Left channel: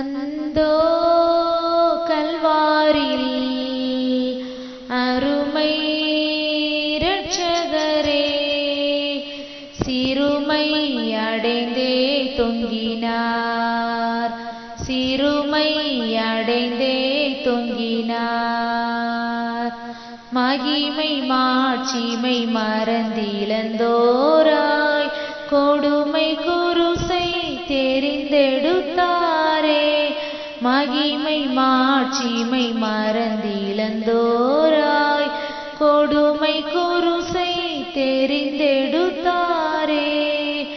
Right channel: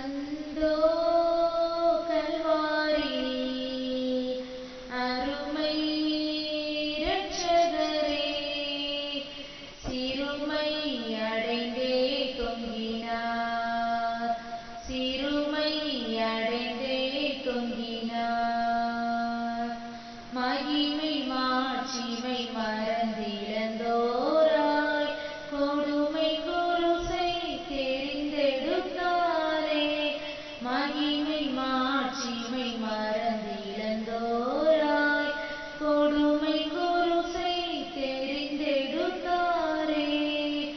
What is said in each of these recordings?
அந்தோ கல்வாரில் அருமை இரட்சகரே சிறுமை அடைந்தே தொங்கினார் சிறுமை அடைந்தே தொங்கினார் மகிமை மாட்சிமை மறந்திழந்தோராய் மகிமை மாட்சிமை மறந்திழந்தோராய் கொடுமை குருசை தெரிந்தெடுத்தாரே.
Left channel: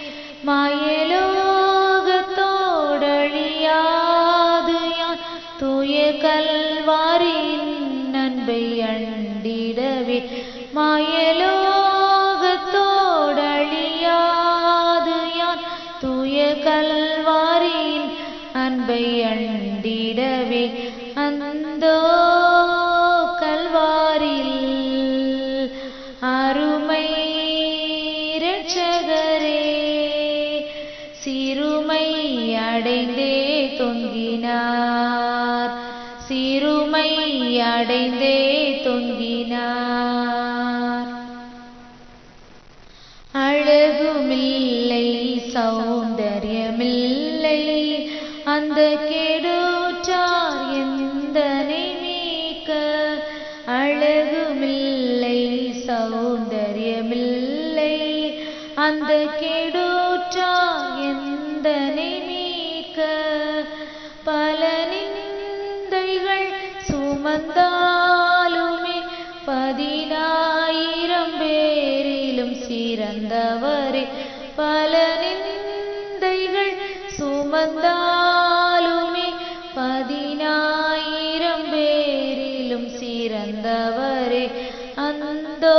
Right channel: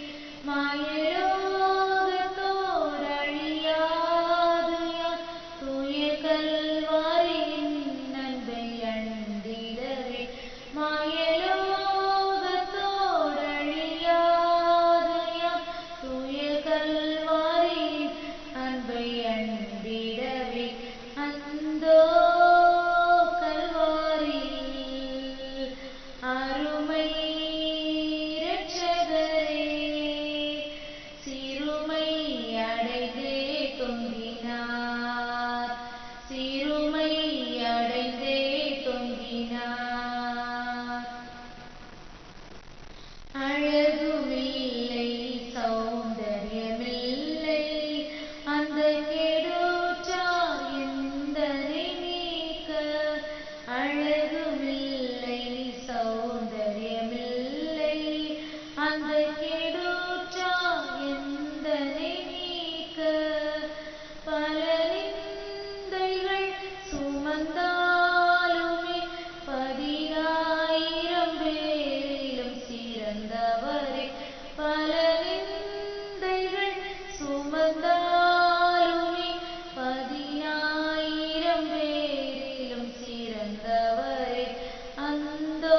மாயலோகத்தோடழியாது யான். தூய கல்வாரின் அன்பை அண்டிடவே. மாயலோகத்தோடழியாது சிறுமை அடைந்தே தொங்கினார். சிறுமை அடைந்தே தொங்கினார் பேரிலும் சிறந்தவரே பல நிந்தைகள் சுமந்தாலுமே பதினாயிரம் பேரிலும் சிறந்தவரே அந்தோ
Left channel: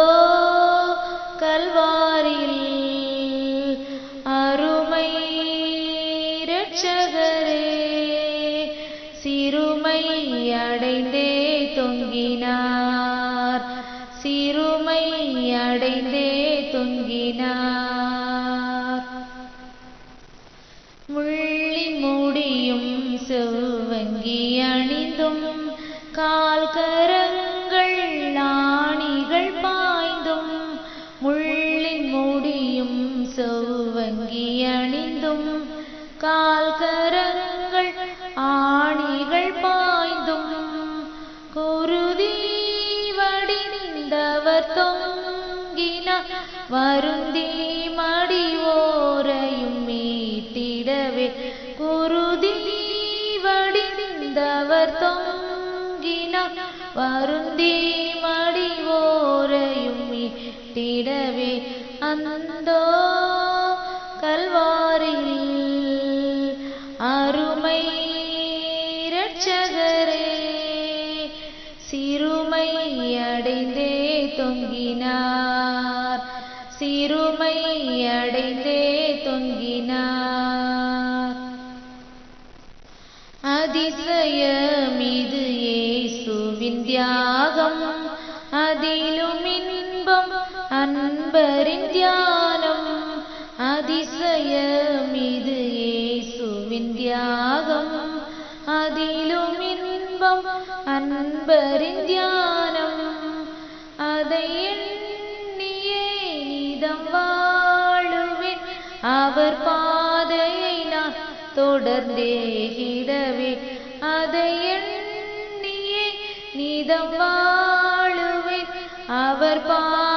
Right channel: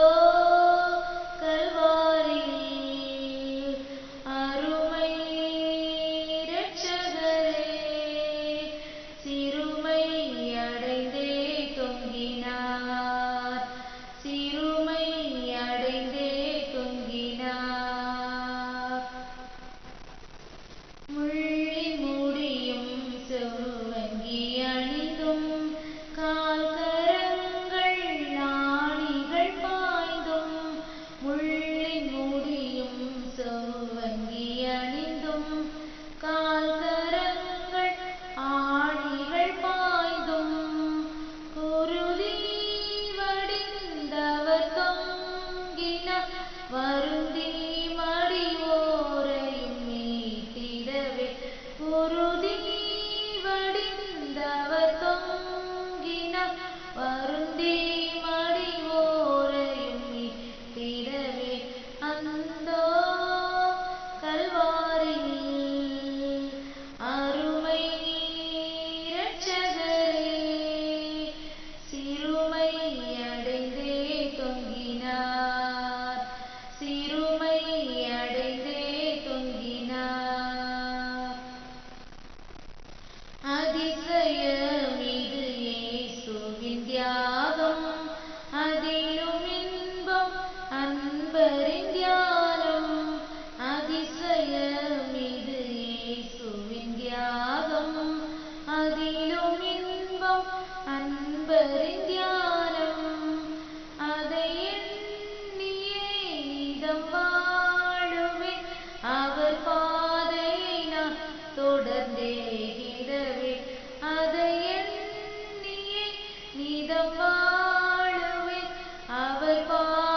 கல்வாரில் அருமை இரட்சகரே சிறுமை அடைந்தே வருந்தி மடிவோரையும் மீட்டிடவே. குருதி வடிந்தவர் தொங்கினார். வரு அன்பரின் தியானம் அதிசயமிது இயேசுவின் தியாகம். அதிலும் இன்பம் அன்பரின் தியானம். அதை எண்ணியே இதம் வாழுவேன். அவர் பாதையை நான் தொடர்ந்தேகிடவே அதை எண்ணியே நிதம் வாழுவேன். அவர் பா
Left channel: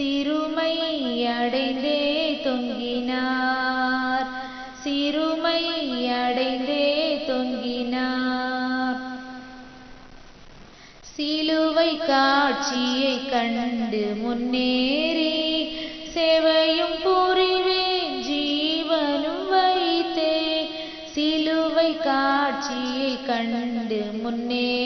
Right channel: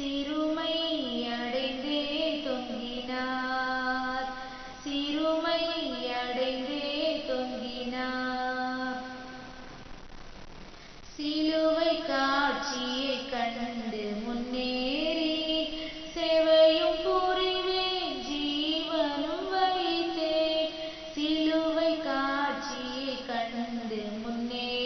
சிறுமை அடைந்தே தொங்கினார். சிறுமை அடைந்தே தொங்கினார். சிலுவை காட்சியை கண்டு முன்னேறி சேவையும் புரிவேன் ஜீவனும் வைத்தே. சிலுவை காட்சியை கண்டு முன்னேறி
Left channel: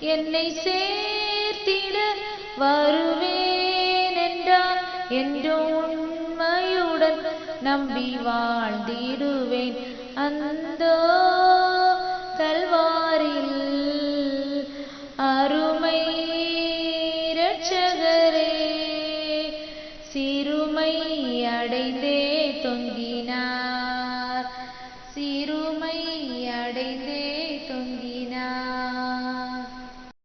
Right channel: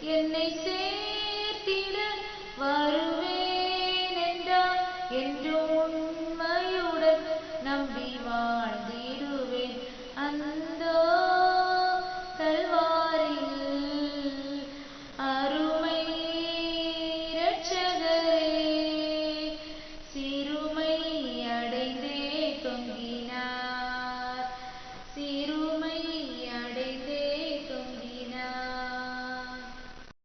என்னை சேர்த்திட வருவேன் என்றார் என்று உண்மையுடன் நம்பி வாழ்ந்திடுவேன். அந்த